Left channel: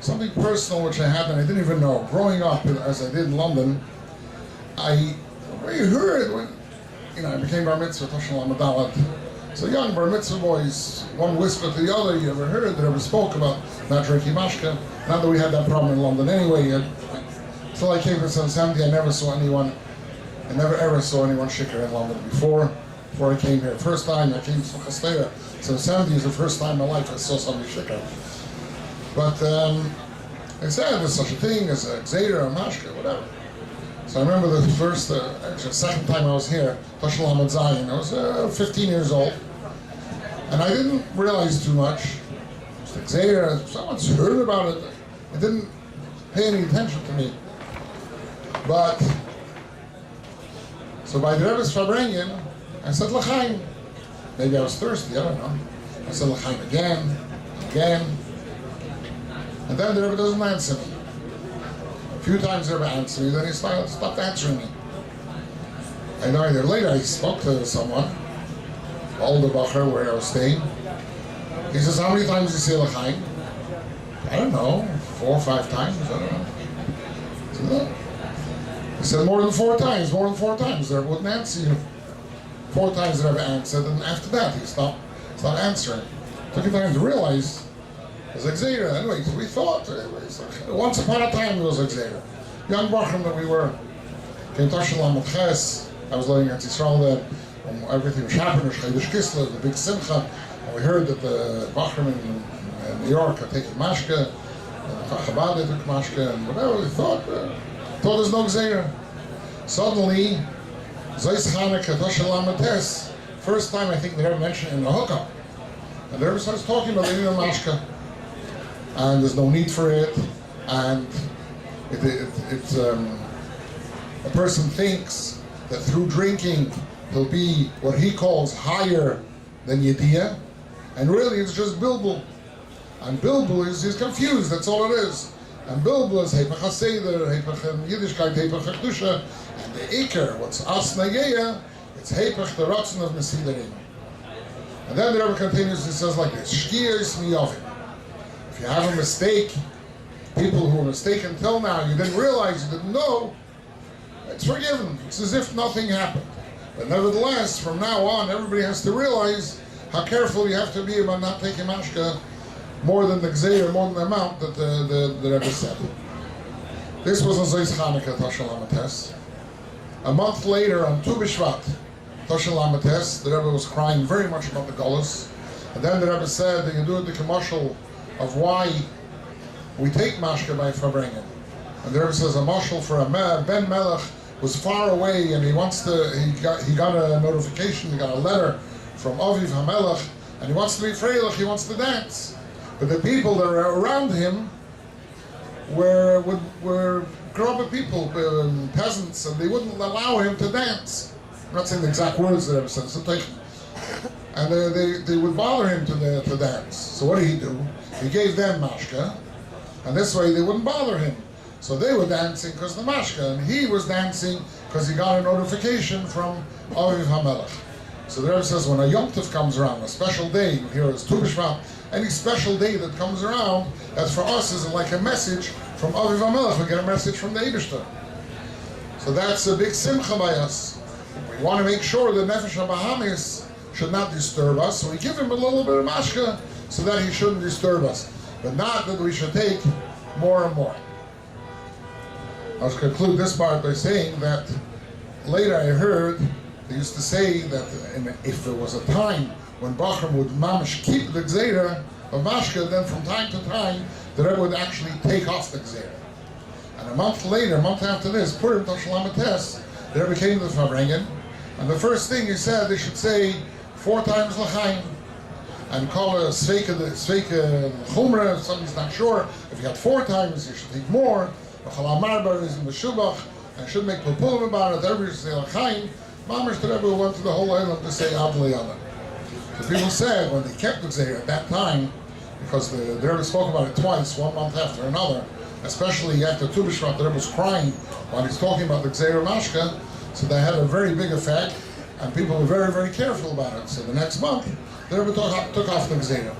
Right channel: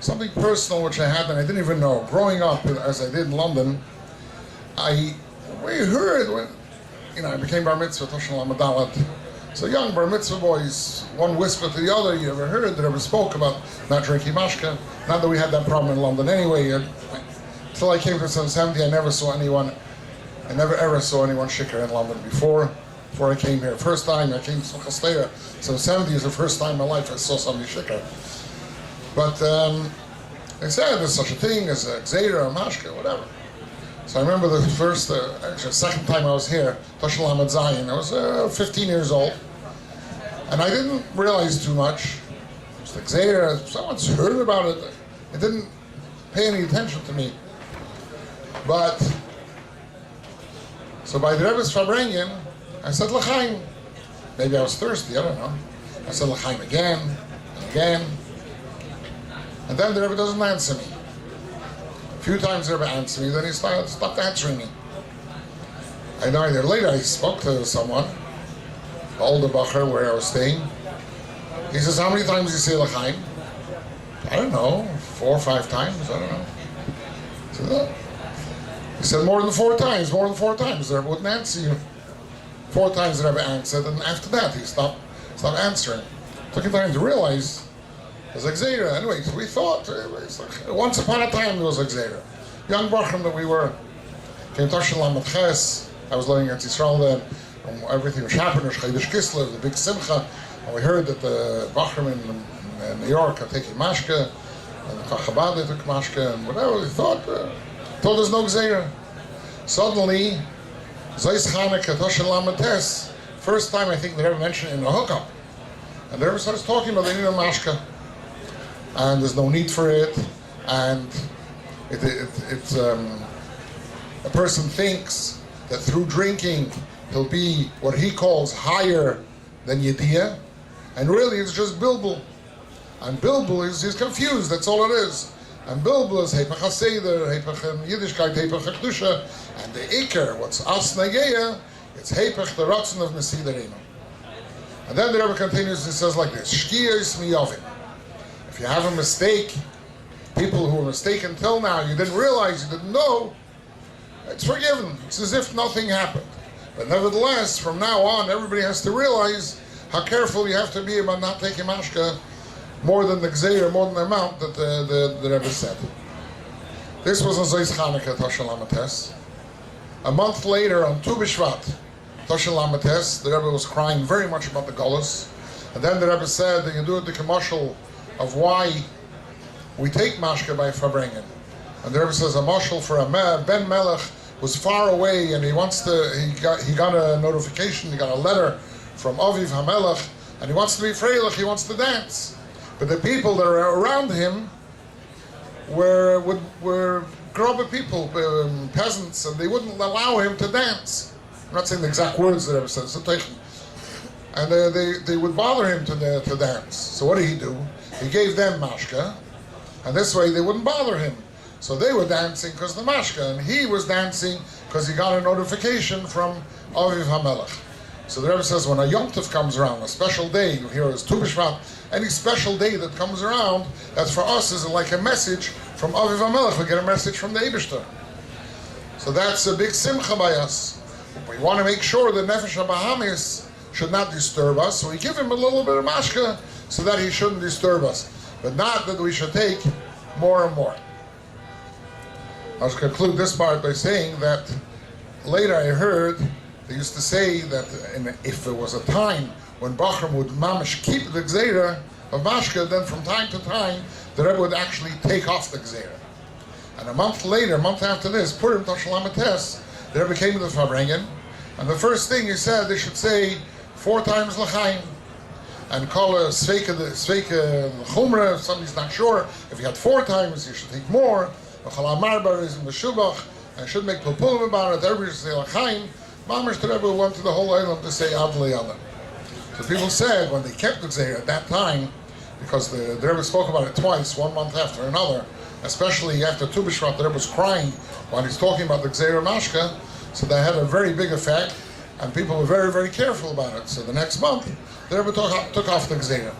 something personal which I had and I didn't even know. Growing up, as I did in London, we heard when, I became bar mitzvah, Toshel Amadalat. So young bar mitzvah boys, one whisper to the other, you ever heard that ever spoke about not drinking mashka? Not that we had that problem in London anyway. Until I came to 70, I never ever saw anyone shikar in London before I came here. First time I came to Chastera, so 70 is the first time in my life I saw somebody shikar. But they said there's such a thing as a gzeira, a mashka, whatever. So I remember the second time I was here, Toshel Hamad Zayin. I was 15 years old, and I didn't realize too much. It was the gzeira, someone's heard about it. It didn't pay any attention to me. But, so by the Rebbe's Fabrengen, I said L'chaim. Maybe I was thirsty, I don't know. I said L'chaim again, and again. And then the Rebbe doesn't answer me. A few times the Rebbe answered me, then he stopped answering me. I know later I spoke to someone, the older bacher where I was staying. He says, how many times do you say L'chaim? I don't know, 4 or 5 times, I don't know. He said, more than 4 times. The Rebbe wouldn't answer you. 4 times the Rebbe answered, and after that he stopped answering. It took him time to realize it was a gzeira. Anyway, we thought, once upon a time it was a gzeira. Young bachrim that we were, came Toshel Hamad Ches. I was living in Tishrei then, everything was happening, Chaydish Kislev, the big simcha, and we heard that the bachrim in New York are taking mashka, and Chabad took mashka, and whatever. We thought there's no gzeira. Suddenly, Zayis Chanukah, Toshel Hamad Ches, first time I think they ever mentioned it in a hookup. And the Rebbe starts talking about they need a mashka. And there's no need for it, and it's a person thinks that through drinking he'll be what he calls higher than Yediyah, and really it's just bilbul. And bilbul he's confused, that's all it is. And bilbul is Hepach HaSeder, Hepach in Yiddishkeit, Hepach HaKdusha, and the Iker, what's As Nageya, it's Hepach the Ratzon of Mesidarim. And then the Rebbe continues and says like this, Shkiyos miyovim. If you have a mistake, people who were mistaken till now, you didn't realize, you didn't know, it's forgiven. It's as if nothing happened. But nevertheless, from now on, everybody has to realize how careful you have to be about not taking mashka more than the gzeir, more than the amount that the Rebbe said. This was on Zayis Chanukah, Toshel Hamad Ches. A month later, on Tu B'Shvat, Toshel Hamad Ches, the Rebbe was crying very much about the Golos. And then the Rebbe said that you do it the commercial of why we take mashka by Fabrengen. And the Rebbe says a mashal for a Ben Melech was far away, and he got a notification, he got a letter from Aviv HaMelech, and he wants to be freilich, he wants to dance. But the people that are around him were grubber people, peasants, and they wouldn't allow him to dance. I'm not saying the exact words that the Rebbe said, and they would bother him to dance. So what did he do? He gave them mashka, and this way they wouldn't bother him. So they were dancing because of the mashka, and he was dancing because he got a notification from Aviv HaMelech. So the Rebbe says when a Yom Tov comes around, a special day, you hear it's Tu B'Shvat, any special day that comes around, that for us is like a message from Aviv HaMelech. We get a message from the Eibishter. So that's a big simcha by us. We want to make sure that Nefesh HaBahamis should not disturb us, so we give him a little bit of mashka so that he shouldn't disturb us, but not that we should take more and more. I'll conclude this part by saying that later I heard they used to say that if there was a time when Bachram would mamash keep the gzeira of mashka, then from time to time the Rebbe would actually take off the gzeira. And a month after this, Purim Toshel Hamad Ches, the Rebbe came to the Fabrengen, and the first thing he said, they should say 4 times L'chaim, and call a sveika chumra. If somebody's not sure, if you had 4 times, you should take more. And should make pulpulim about it. Everybody should say L'chaim. Mamash the Rebbe went to the whole island to say Ad L'Yada. So people said when they kept the gzeir at that time, because the Rebbe spoke about it twice, 1 month after another, especially after Tu B'Shvat, the Rebbe was crying while he's talking about the gzeir mashka, so that had a very big effect, and people were very, very careful about it. So the next month, the Rebbe took off the gzeir.